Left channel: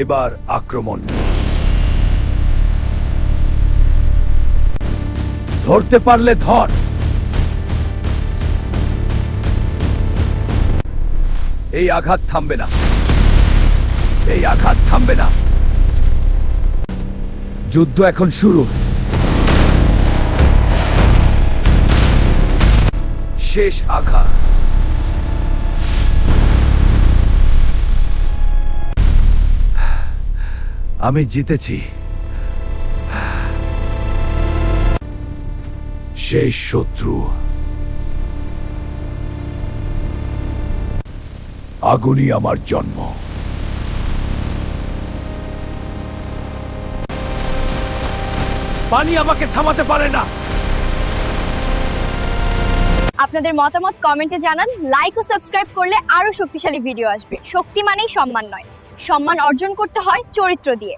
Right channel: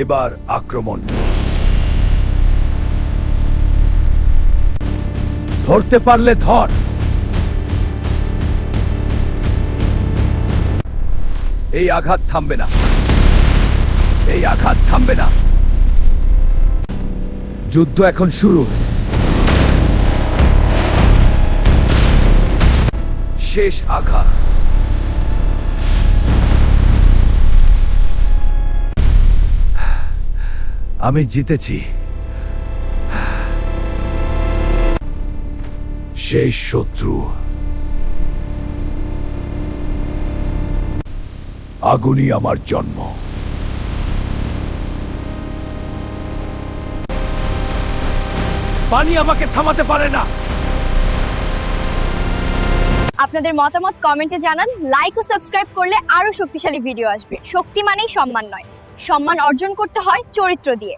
এবার আক্রমণ। ধরতে পারলে ধর। এই আঘাত থামবে না, এই আঘাত থামবে না। যুদ্ধ এখন শুরু। শেষ আঘাত। আমি জিতেছি। শেষ শত্রু। আগুনই আমার জন্ম। পানি আমাকে থামাতে পারে না। আপনাদের মতামত কমেন্টে জানান। লাইক ও সাবস্ক্রাইব করলে আরো শক্তিশালী ভিডিও আসবে। শক্তি মানেই সম্মান নয়, সম্মান অর্জন করতে হয় চরিত্র দিয়ে।